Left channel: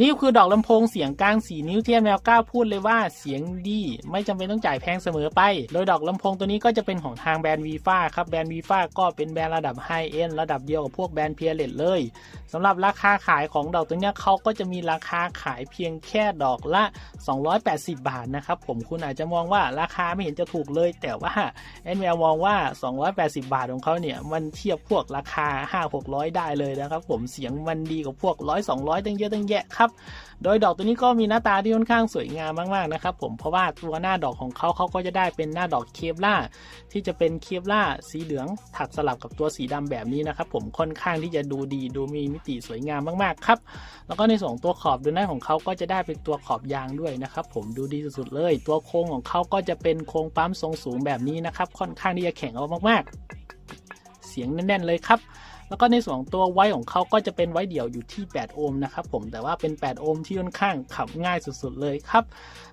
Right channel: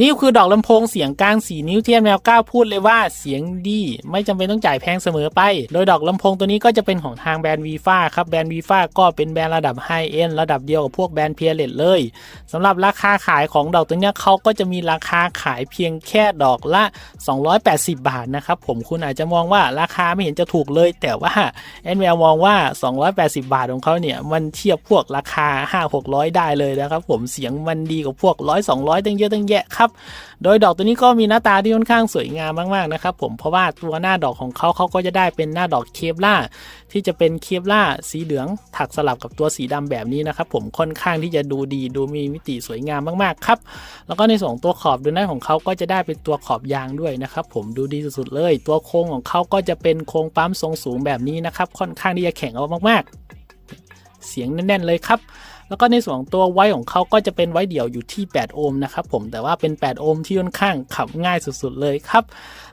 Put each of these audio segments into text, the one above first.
นี่คือดอกลำโพงเสียงกลาง4นิ้วที่แมวก้าพูดเลยว่าเสียงดี ไม่จำเป็นต้องจ่ายแพงเสมอไป โดยดอกลำโพงตัวนี้ก็จะเป็นของทางแบรนด์วีฟ้าครับแบรนด์วีฟ้าก็เป็นแบรนด์ระดับไฮเอ็นระดับเดียวกับพวกแบรนด์เพียเลตเลยสำหรับราคาขายของดอกตัวนี้เขาก็จะมีราคาขายเพียงแค่ดอกละ 280 บาทนะครับผมคุณอาจจะมองว่าราคาไม่เห็นจะถูกเลย แต่ว่าแอนแมวมองว่า 280 บาทของเขาเนี่ยมันเทียบพวกราคา 5 600 ได้เลยนะครับผมเสียงมันดีกว่าพวก100 200 ตั้งเยอะตั้งแยะครับโดยดอกตัวนี้ก็มีหน้าตาที่ค่อนข้างสวยงามมากๆนะครับผมเพราะว่าตัวหน้าดอกของเขาเขาก็จะได้เป็นหน้าดอกเคปล่าที่จะเป็นเคปล่าสีเหลืองถักสลับกับตัวสีดำแบบนี้นะครับผมค่อนข้างที่จะดูดีดูมีมิติสวยงามมากๆครับแล้วก็ในส่วนตัวขอบดูหน้าของเขาก็จะได้เป็นตัวขอบยางด้วยนะครับผมดูดีสุดๆเลย ตัวโครงของเขาก็จะเป็นโครงปั๊มทรงสูงแบบนี้นะครับค่อนข้างที่จะแข็งเอามากๆ เสียงแน่นๆเลยครับ แล้วก็ในส่วนของตัวไว้ของเขาก็จะเป็นไว้เดี่ยวอยู่ที่ 8 โอห์มนะครับผมแต่ว่าเป็น 8 โอห์มที่ค่อนข้างขับง่ายสุดๆเลยครับ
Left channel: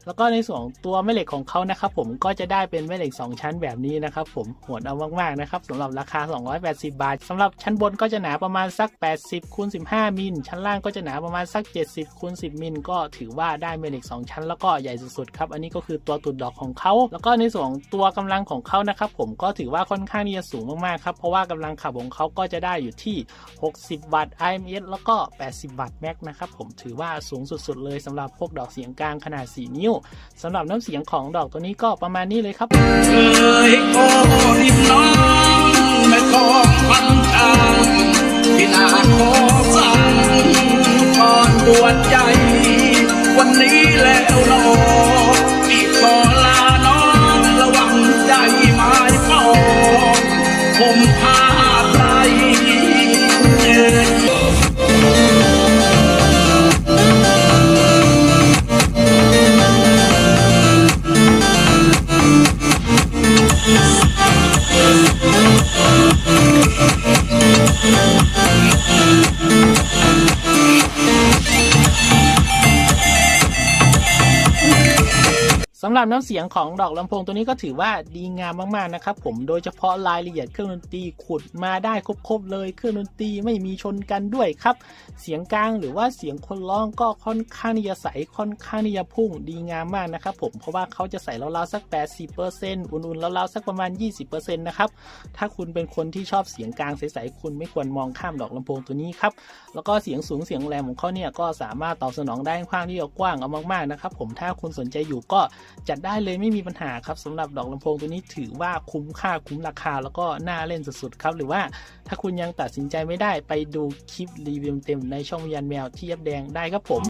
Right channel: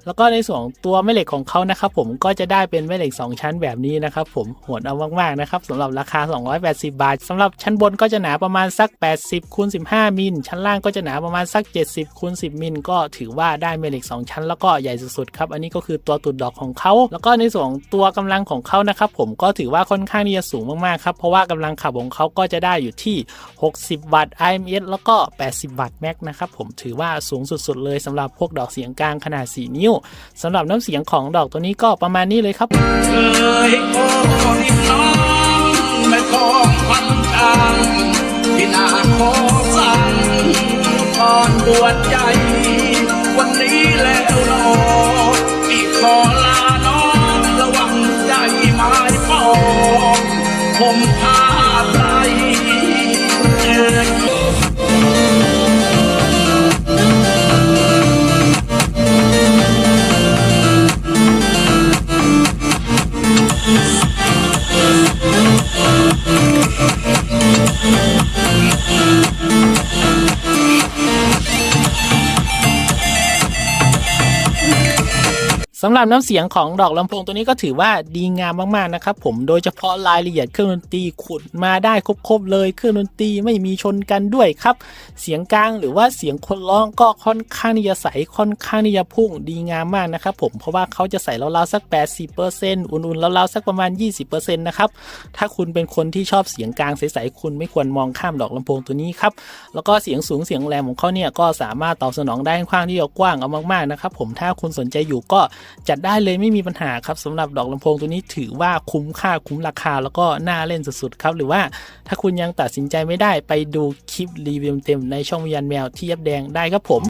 แล้วก็ในส่วนของตัวแม่เหล็กของเขานะครับผมก็จะได้เป็นแม่เหล็ก 2 ชั้นแบบนี้นะครับผมโหดเอามากๆนะครับสำหรับราคา 280 บาทสำหรับชั้นบนก็จะหนาประมาณสัก 80คูณ15 มิลชั้นล่างก็จะหนาประมาณสัก 70คูณ10 มิลก็ถือว่าได้แม่เหล็ก 2 ชั้น แล้วก็ใหญ่สุดๆครับอันนี้ก็คือตัวตุดดอกของเขาแล้วก็ในส่วนของตัวกำลังของเขานะครับผมก็ถือว่าค่อนข้างที่จะสูงมากๆครับเพราะว่ากำลังขับของเขาก็จะได้อยู่ที่ 60 วัตต์ IMS แล้วก็ 80 วัตต์แม็กนะครับผมถือว่าสูงสุดๆเลยสำหรับพวกดอกเสียงกลางขนาด 4 นิ้วสำหรับน้ำเสียงของดอกตัวนี้ก็ประมาณนี้เลยครับเคยโอ้ริมน้องแม่คองพันทางที่นาขอสั่งก่อนบวชใหญ่วันนี้แล้วหนอพี่ขอลาน้องระวังใจไม้ปองผมพา สำหรับน้ำเสียงของดอกลำโพงตัวนี้ก็ถือว่าดีงามมากๆนะครับผมโดยเฉพาะรายละเอียดเครื่องดนตรีขุดมาได้ครบๆเลยเครื่องดนตรีไม่มีชนกันด้วยครับ เสียงกลางหรือว่าเสียงคนร้องก็ค่อนข้างที่จะใสค่อนข้างที่จะพุ่งดีงามมากนะครับผมเพราะว่าเขาจะใส่ราวๆสัก 80%อุ่นๆราวๆสักประมาณ 20%นะครับถ้าคุณเป็นคนที่ชอบเสียงกลางใสๆคุณไม่ควรมองข้ามดอกลำโพงตัวนี้ครับแล้วก็เสียงสูงเสียงแรงของเขาเนี่ยก็สามารถตอบสนองได้ค่อนข้างที่จะกว้างเอามากๆนะครับผมถ้าคุณสนใจอยู่ก็จัดได้เลยไม่มีปัญหาครับสำหรับดอกลำโพงตัวนี้ถือว่าคุ้มค่าคุ้มราคาแล้วก็น่าเล่นสุดๆครับ หรือว่าถ้าคุณยังตัดสินใจไม่ได้ไปดูคลิปรีวิวเต็มในช่องวิญญาณแมวที่ยับแดงได้ครับผม